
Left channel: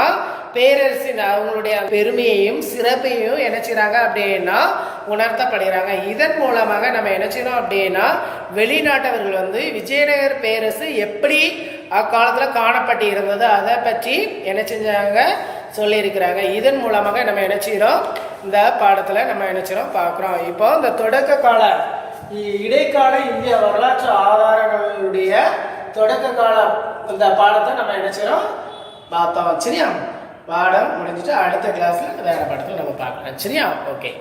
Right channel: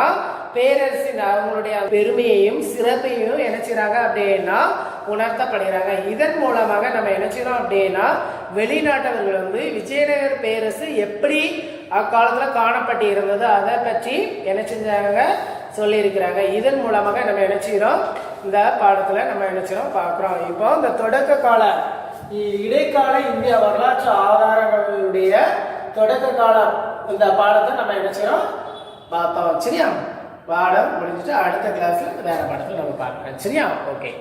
பேரரசின் அவங்களுடைய பெருமையையும் சிறப்பையும் என்ன செய்றாங்க அப்படின்னா உணர்த்தப்படுகிறாங்க. இதன் மூலமாக நம்ம என்ன செய்யணும் அப்படின்னா வெளிநாட்டவர்கள் வந்து விஜயநகர பேரரசு எப்படி அக்காலத்தில் காணப்பட்டு இருந்தது அதை பற்றி என்ன செஞ்சாங்க சொல்லியிருக்கிறாங்க. இதன் மூலமாக நம்ம என்ன செய்யறோம், இந்த பாடத்தில் நம்ம என்ன செய்யறோம் பார்க்குறோம். இப்போ இந்த தொடக்க கால இடைக்கால இந்திய வரலாற்று ஆதாரங்களுடைய தொடக்க காலம் இந்த பாடத்தை நம்ம என்ன செய்யறோம் பார்த்தோம். சரியா? பாடம் முடிஞ்சிட்டு அடுத்த கிளாஸ்ல வேற பாடத்தை நம்ம பார்க்கலாம். சரியா? ஓகே.